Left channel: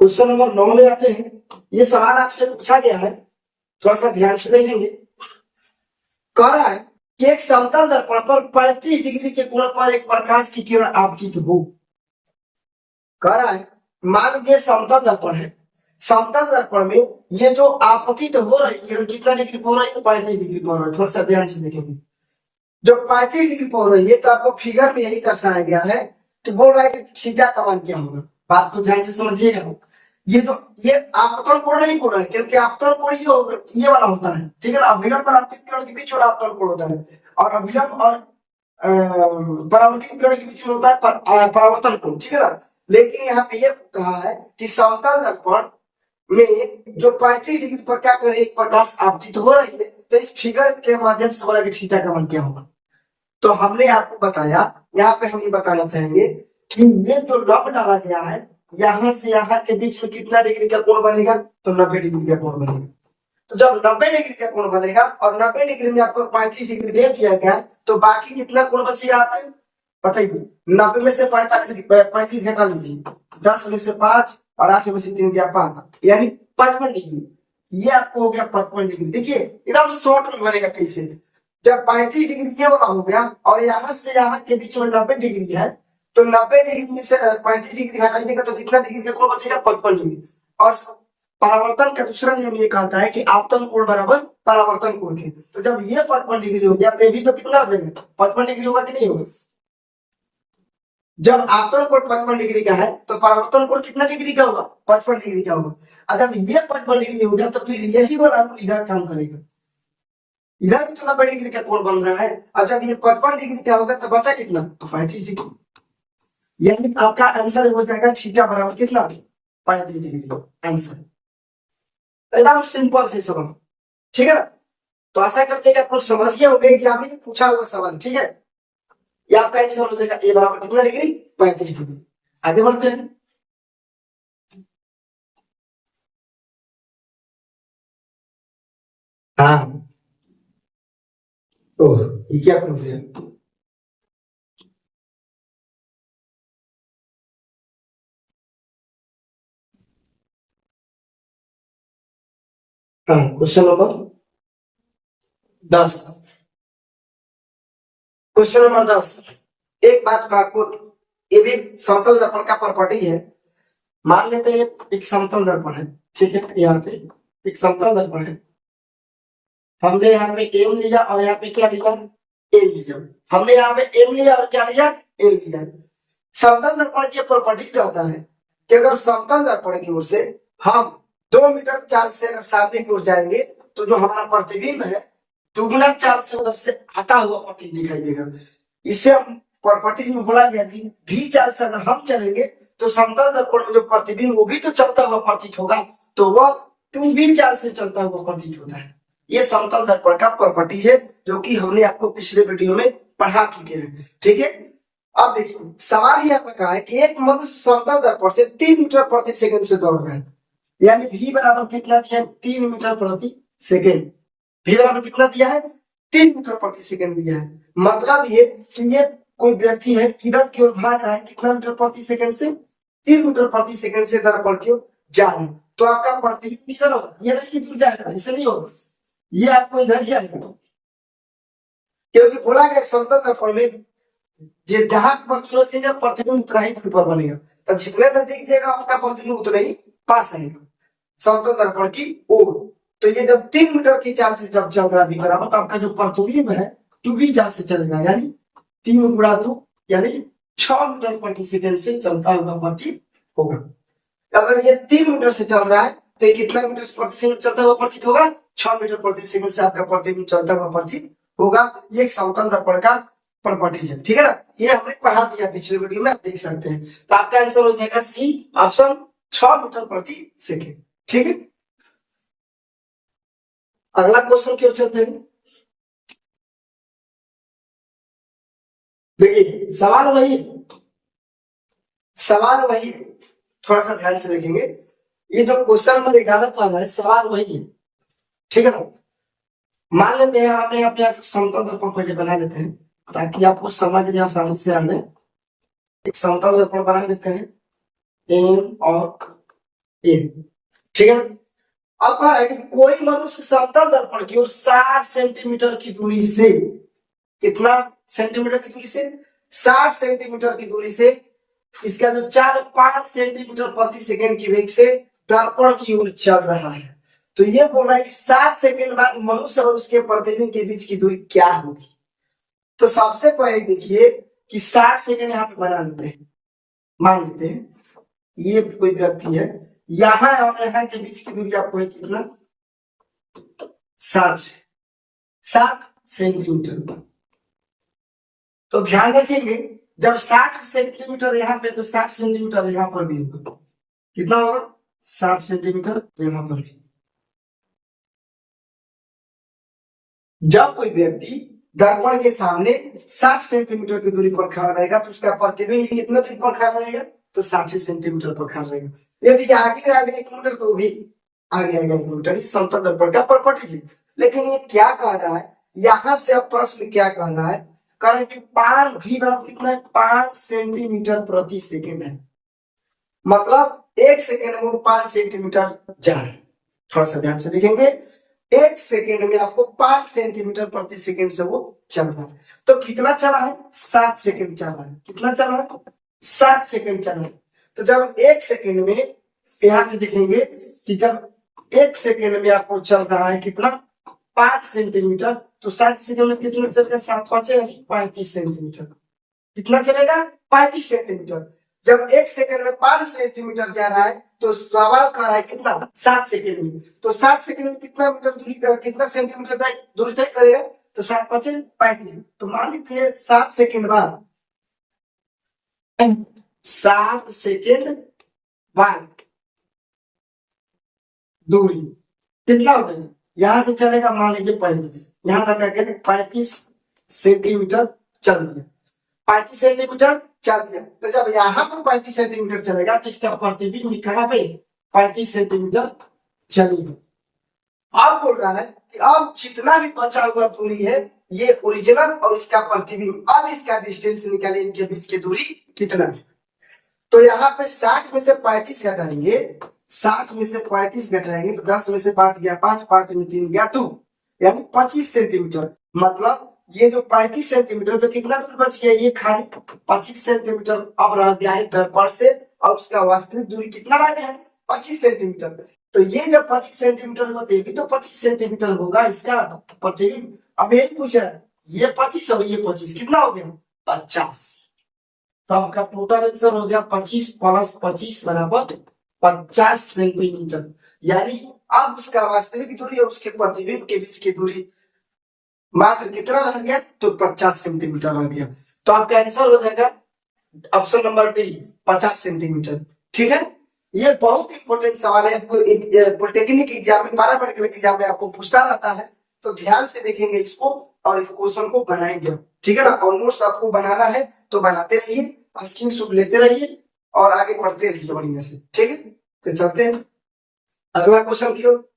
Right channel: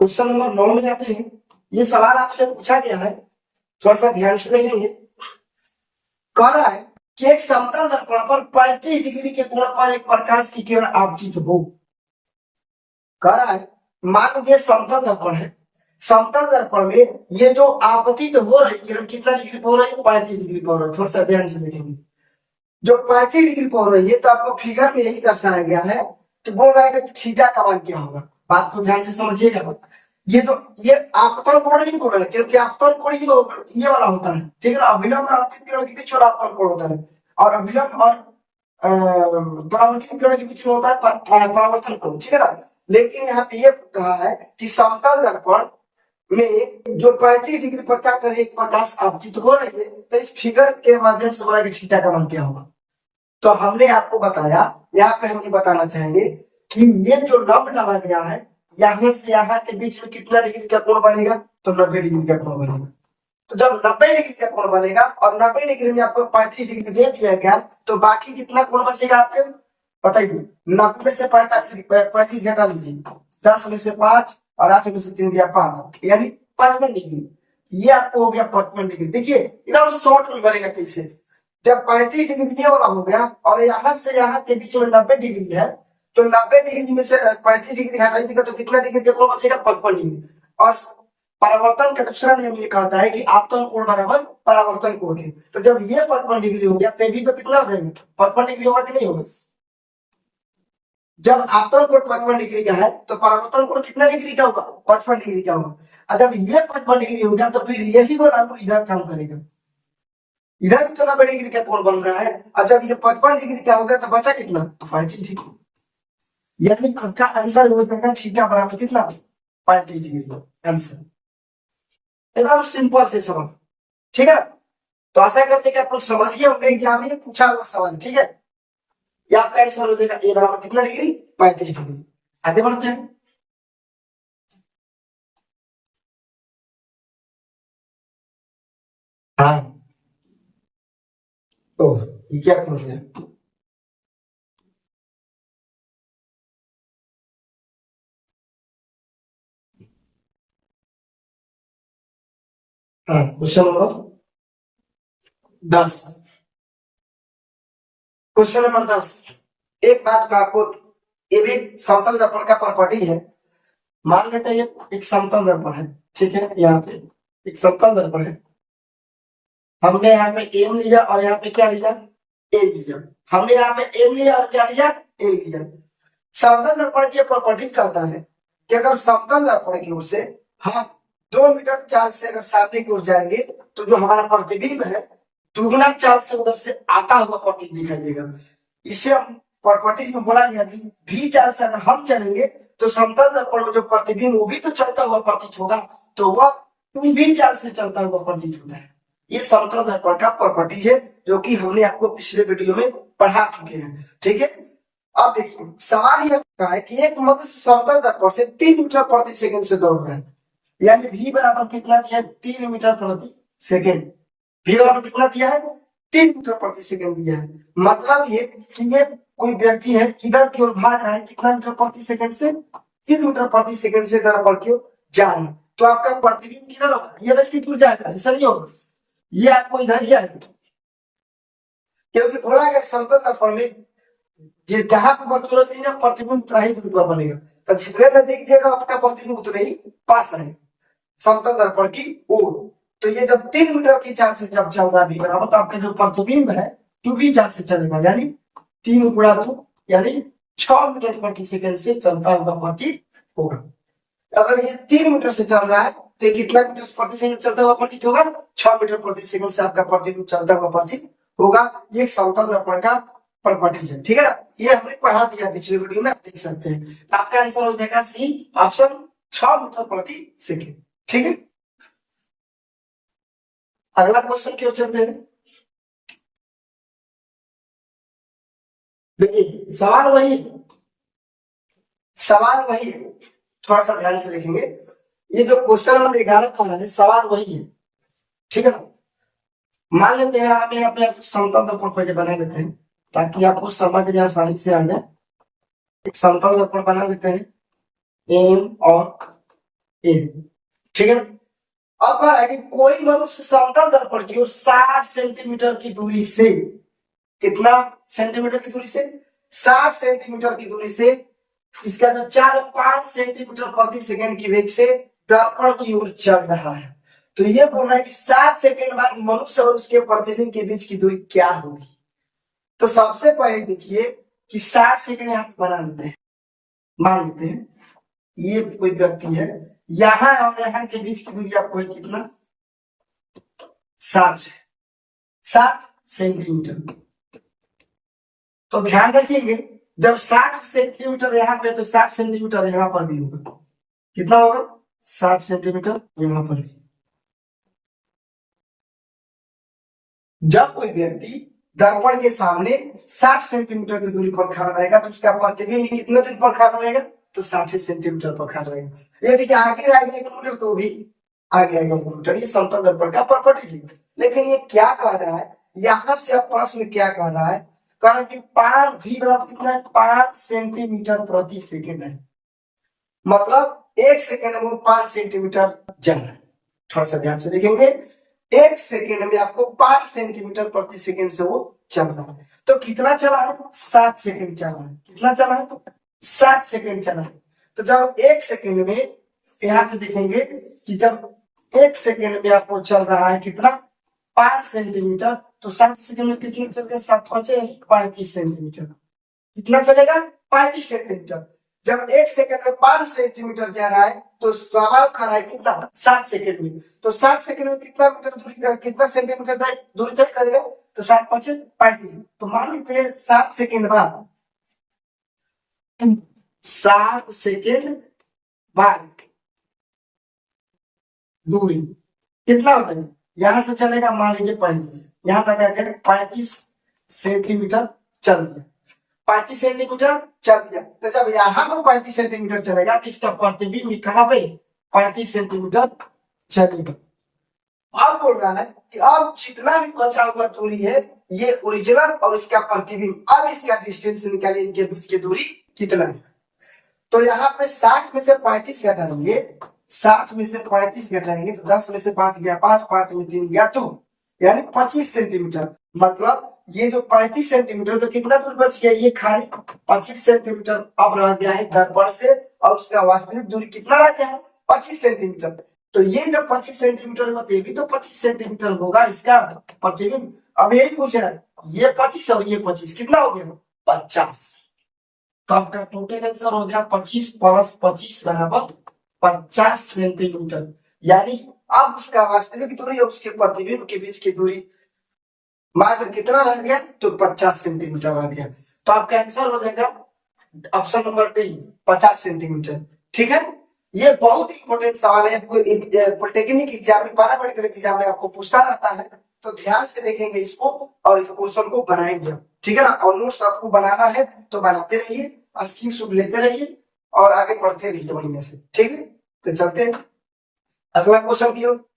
Question number 9 में आते हैं। ये सवाल आपसे पूछा गया है, थोड़ा सा ध्यान से देखेंगे। कह रहा है कि एक समतल दर्पण पर 35 डिग्री के कोण पर एक प्रकाश की किरण आपतित हो। कह रहा है मान लीजिए समतल दर्पण है, समतल दर्पण में ये जो आपतित हो रही किरण कितना डिग्री पर हो रही है? 35 डिग्री पर हो रही है। थोड़ा सा ध्यान से देखेंगे। जो 35 डिग्री पर हो रही है, तो आपको फिगर में यही दर्शाया गया है कि बोल रहा है कि थीटा का मान क्या होगा। बात को ध्यान से समझिएगा। ये आपतन कोण नहीं बोल रहा है, क्योंकि आपतन कोण ये होगा, ये वाला होता है, ठीक है ना। अभिलंब और आपतित किरण के बीच वाला आपतन कोण होता है, और अभिलंब और परावर्तित किरण के बीच में होता है परावर्तन कोण, ठीक है ना। लेकिन यहाँ पे ये कहा है कि समतल दर्पण में जो 35 डिग्री पर क्या करे एक प्रकाश आपतित हो रही है, तो इस फिगर के माध्यम से बोला कि थीटा का मान क्या होगा। तो हमने आपको बताया, यहाँ पे हम ये बताना चाहेंगे कि ये जो लंब डाला गया है, यहाँ से यहाँ के बीच में कितना डिग्री का कोण बनेगा? तो 90 डिग्री का कोण बनेगा। तो जब 90 डिग्री का कोण बनेगा और 90 डिग्री में आपको 35 डिग्री दे दिया गया, तो बाकी कितना कोण बचेगा आपके बताइए। 90 में से 35 घटा लीजिए, 10 में से 5 और 8 में से 3 गया 5, यानी 55 डिग्री। ये आपको हो गया 55 डिग्री। देखिए एकदम शॉर्ट में बनेगा कैसे। जब 35 डिग्री ये वाला हो गया और यहाँ से यहाँ के बीच में 90 डिग्री है, तो 90 डिग्री में से 35 डिग्री हटाइएगा तो कितना डिग्री का कोण बचेगा? 55 डिग्री। और परावर्तन का दूसरा नियम ये कहता है कि आपतन कोण बराबर परावर्तन कोण के। तो जब ये 55 डिग्री हो गया, तो ये भी तो कितना हो जाएगा? 55 डिग्री होगा कि नहीं होगा? जब आपतन कोण 55 डिग्री का है, तो परावर्तन कोण कितना डिग्री का होगा? 55 डिग्री का होगा। और जब ये 55 डिग्री हो गया, तो फिर यही वाला रूल इधर काम करेगा। इधर भी तो 90 डिग्री का कोण बन रहा है, और जब ये 55 डिग्री का होगा, तो बचा कितना? 35 डिग्री। यानी आपका आंसर हो जाएगा थीटा बराबर कितना? 35 डिग्री आंसर। एकदम सिंपल से सवाल, ठीक है ना। तो आशा करते हैं कि आप लोग समझ गए होंगे एग्जाम में पूछा हुआ सवाल, ठीक है। ये आपका आंसर हो जाएगा ए बराबर कितना डिग्री? 35 डिग्री। आगे बढ़ते हैं। हाँ, ओह ये क्या पूछ रहे हैं? हाँ, क्वेश्चन नंबर 10। Question number 10। एक बात का आपको, ये भी समतल दर्पण का प्रॉपर्टी है। मान लेते हैं एक समतल दर्पण है, ठीक है। यहाँ पे एक समतल दर्पण है, हमने यहाँ पे एम लिया और यहाँ पे क्या लिया? ए लिया। हमने यहाँ पे एम लिया और क्या लिया? ए लिया। समतल दर्पण की प्रॉपर्टी कहता है कि अगर समतल दर्पण की ओर से हम 2 मीटर चाल से अगर सामने की ओर जाएंगे, तो जो हमारा प्रतिबिंब है दुगुना चाल से उधर से आता हुआ प्रतिबिंब दिखाई देगा। इससे हम प्रॉपर्टी में बोला गया कि भी चाल से अगर हम चलेंगे, तो समतल दर्पण में जो प्रतिबिंब वो भी तो चलता हुआ प्रतीत होगा, तो वह 2b चाल से चलता हुआ प्रतीत होता है। ये समतल दर्पण का प्रॉपर्टी है, जो कि हमने आपको पिछले वीडियो में पढ़ा चुके हैं, ठीक है। अब देखिए सवाल ये कहा है कि एक मनुष्य समतल दर्पण से 3 मीटर प्रति सेकंड से दौड़ रहा है, यानी v बराबर कितना दिया है? 3 मीटर प्रति सेकंड। v बराबर कितना दिया है? 3 मीटर प्रति सेकंड दिया है। मतलब ये कि ये कोई व्यक्ति है इधर की ओर भाग रहा है, कितना मीटर प्रति सेकंड से? 3 मीटर प्रति सेकंड से दर्पण की ओर जा रहा है। तो आपका प्रतिबिंब किधर होगा? ये रश्मि दूर जाएगा, ऐसा नहीं होगा, ये आपको इधर ही आएगा, क्योंकि बोला गया समतल दर्पण में जहां वस्तु रखेगा प्रतिबिंब उतना ही दूर पर बनेगा। तो जितने नजदीक जाएगा आपका प्रतिबिंब उतने ही पास रहेगा समतल दर्पण की ओर। तो ये जब 3 मीटर की चाल से जब चल रहा है बराबर, तो आपका जो प्रतिबिंब है 2b चाल से चलेगा, यानी 3 गुणा 2 यानी 6 मीटर प्रति सेकंड से चलता हुआ प्रतीत होगा। अगर ये 3 मीटर से चल रहा है, तो ये कितना मीटर प्रति सेकंड चलता हुआ प्रतीत होगा? 6 मीटर प्रति सेकंड से आपका प्रतिबिंब चलता हुआ प्रतीत होगा। ये समतल दर्पण का प्रॉपर्टी है, ठीक है ना। ये हमने पढ़ा दिया पिछले वीडियो में, आप देख सकते हैं। तो आपका आंसर हो जाएगा सी ऑप्शन, 6 मीटर प्रति सेकंड, ठीक है। अगला क्वेश्चन क्यों चलते हैं। देखिए सवाल वही थोड़ा सा ध्यान से देखेंगे। ये जो क्वेश्चन नंबर 11 का है, सवाल वही है, ठीक है ना। मान लेते हैं हमें अपने समतल दर्पण पहले बना लेते हैं, ताकि आपको समझ में आसानी से आ जाए। एक समतल दर्पण बना लेते हैं, एम और ए, ठीक है। अब कह रहा है कि कोई मनुष्य समतल दर्पण की ओर 60 सेंटीमीटर की दूरी से, कितना सेंटीमीटर की दूरी से, 60 सेंटीमीटर की दूरी से इसका जो 4-5 सेंटीमीटर प्रति सेकंड की वेग से दर्पण की ओर चल रहा है। तो ये बोल रहा है कि 7 सेकंड बाद मनुष्य और उसके प्रतिबिंब के बीच की दूरी क्या होगी। तो सबसे पहले देखिए कि 60 सेकंड यहाँ पे बना लेते हैं, मान लेते हैं ये कोई व्यक्ति है, यहाँ और यहाँ के बीच की दूरी आपको है कितना, 60 सेंटीमीटर। तो ध्यान रखेंगे जब 60 सेंटीमीटर यहाँ पे तो 60 सेंटीमीटर यहाँ पर भी होगा, कितना होगा, 60 सेंटीमीटर यहाँ पर भी। जब कोई व्यक्ति दर्पण के सामने 60 सेंटीमीटर की दूरी पर खड़ा रहेगा तो उसका प्रतिबिंब कितना दूरी पर खड़ा रहेगा, तो 60 सेंटीमीटर पर खड़ा रहेगा। यदि आगे आगे 1 मीटर तो भी आगे आगे 1 मीटर, ये समतल दर्पण का प्रॉपर्टी थी। लेकिन ये क्या कह रहा है, यहां से अब प्रश्न क्या कह रहा है, कह रहा है कि पार भी बराबर कितना है, 5 सेंटीमीटर प्रति सेकंड है, मतलब 1 सेकंड में वो 5 सेंटीमीटर जा रहा है। थोड़ा सा ध्यान से देखेंगे, 1 सेकंड में आपको 5 सेंटीमीटर प्रति सेकंड से वो चल रहा है। तो कितना चला है, 7 सेकंड चला है, कितना चला है, 7 सेकंड चला है। तो जब 1 सेकंड में यहाँ पे देखेंगे कि जब 1 सेकंड में आपको चल रहा है कितना, 5 सेंटीमीटर, तो 7 सेकंड में कितना चलेगा, 7×5 35 सेंटीमीटर, कितना चलेगा, 35 सेंटीमीटर। जब 1 सेकंड में 5 सेंटीमीटर जा रहा है तो सवाल कर रहा है कितना, 7 सेकंड में। तो 7 सेकंड में कितना मीटर दूरी, कितना सेंटीमीटर दूरी तय करेगा, तो 7×5 35। तो मान लेते हैं 7 सेकंड बाद, 7 सेकंड बाद दूरी कितना हो जाएगा, यहां से चलेगा मान लीजिए 35, यहां तक आकर 35 सेंटीमीटर चल दिया, 35 सेंटीमीटर चल दिया। तो जब यहाँ पर 35 सेंटीमीटर चलेगा तो इसका प्रतिबिंब कहां पे, 35 सेंटीमीटर चलेगा। अब बोल रहा है कि अब जितना भी बचा हुआ दूरी है ये ओरिजिनल और इसका प्रतिबिंब, अब इसका डिस्टेंस निकाले, इनके बीच की दूरी कितना है। तो यहाँ पे 60 में से 35 घटाएंगे, 60 में से 35 घटाएंगे तो 10 में से 5 गया 5, 5 में 3 गया 2, यानी 25 सेंटीमीटर। मतलब ये जो 35 सेंटीमीटर, तो कितना दूर बच गया, ये खाली 25 सेंटीमीटर अब रह गया है दर्पण से, और उसका वास्तविक दूरी कितना रह गया है, 25 सेंटीमीटर। तो ये जब 25 सेंटीमीटर होते हैं भी तो 25 सेंटीमीटर होगा इसका प्रतिबिंब। अब यही पूछ रहा है, ये 25 और ये 25 कितना हो गया, 50। तो आपका टोटल आंसर हो गया 25 + 25 बराबर 50 सेंटीमीटर। यानी अब उसका वास्तविक दूरी और उसके प्रतिबिंब के बीच की दूरी मात्र कितना रह गया, तो 50 सेंटीमीटर रह गया। तो आपका आंसर हो जाएगा ऑप्शन नंबर डी, 50 सेंटीमीटर। ठीक है, ये बहुत इंपॉर्टेंट सवाल है, पॉलिटेक्निक एग्जाम में, पैरामेडिकल एग्जाम में आपको पूछता रहता है। तो ध्यान से देखेंगे इसको और इस क्वेश्चन को बनाएंगे, ठीक है ना। और नोट्स आपको बनाना है तो बनाते रहिए, स्क्रीनशॉट लेते रहिए और आगे बढ़ते रहिए बढ़िया से, ठीक है। तो चलते हैं अगला क्वेश्चन की ओर।